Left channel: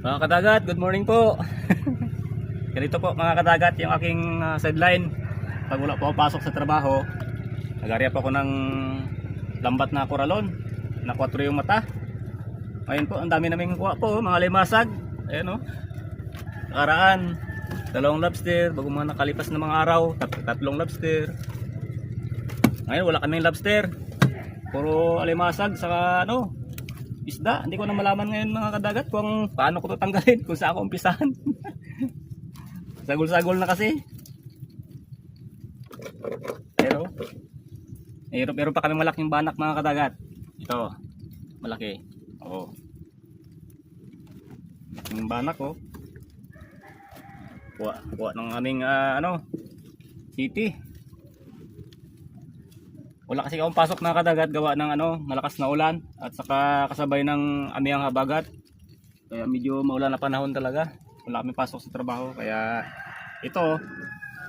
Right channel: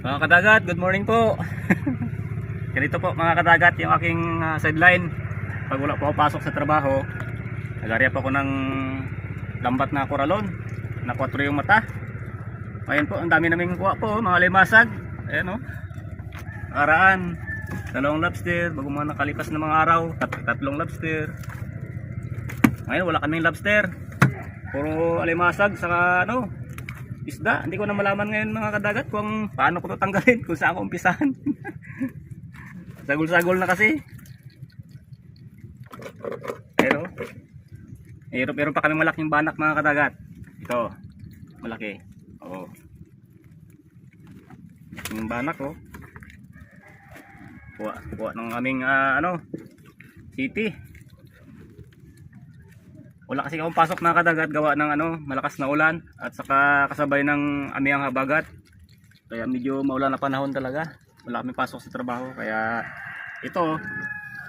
Mga kadagat, good morning po. Ganito po mga kadagat yung aking sideline. Pag wala po ako pasok sa trabaho, nag-area po ako ng lambat na koralon. Na 4 yung mata. Ngayon po, ang dami naming kuha po, mga limasag. Ayan o. Nakaraan, 2 lobster, bago mga nakalipas na mga araw, 3 lobster. Ngayon wala kaming lobster. Puro alimasag sa isda. Hindi ko na malaman ngayon mga kadagat kung paano ko ito tanggalin, kung saan ko umpisahan. Sagol-sagol na kasi. Pero meron pa kami malaking banak mga kadagat. Ito, malaki. Oo. Yung banak ko. Kuha ng aming city. Wala kasi akong pasok na kadagat gawa ng malakas na ulan at saka kasabay ng amiyang habagat. Kaya medyo maulan na panahon talaga. Wala kami pasok sa trabaho kaya ito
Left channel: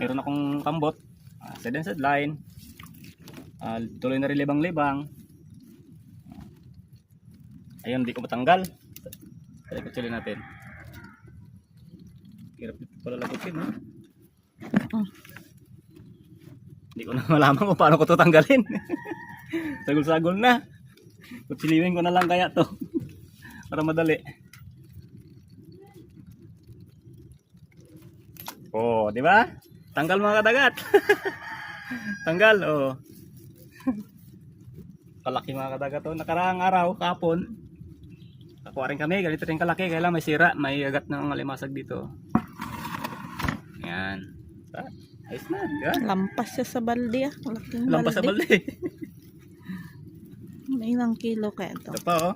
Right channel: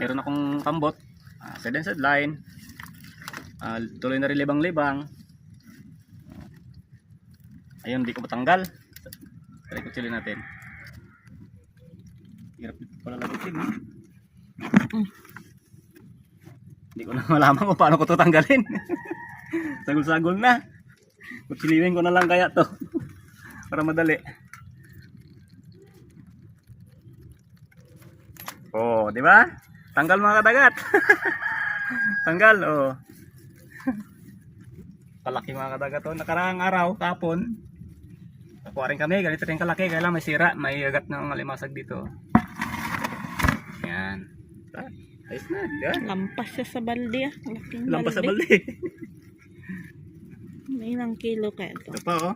meron akong kambot, sideline. Tuloy na rin libang-libang. Ayun, hindi ko matanggal. Try ko chilin natin. Hirap pala lagutin. Hindi ko na malaman kung paano ko ito tanggalin. Sagol-sagol na. Kutsiliwin ko na lang kaya to para madali. Oh, di ba? Tanggal mga kadagat. Tanggal, oh. Kalaki mga kadagat to. Nakaraang araw, kapon. Nakuha rin kami, ganito rin kalaki. Kaya lang may sira, may agat ng alimasag dito. Yan. Ayos na, yan. Lampas siya sa balde ah. Malaking Lampas sa balde. May ilang kilo kaya ito. Ito pa oh.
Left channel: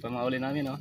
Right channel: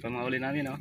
Ito mga uli namin oh.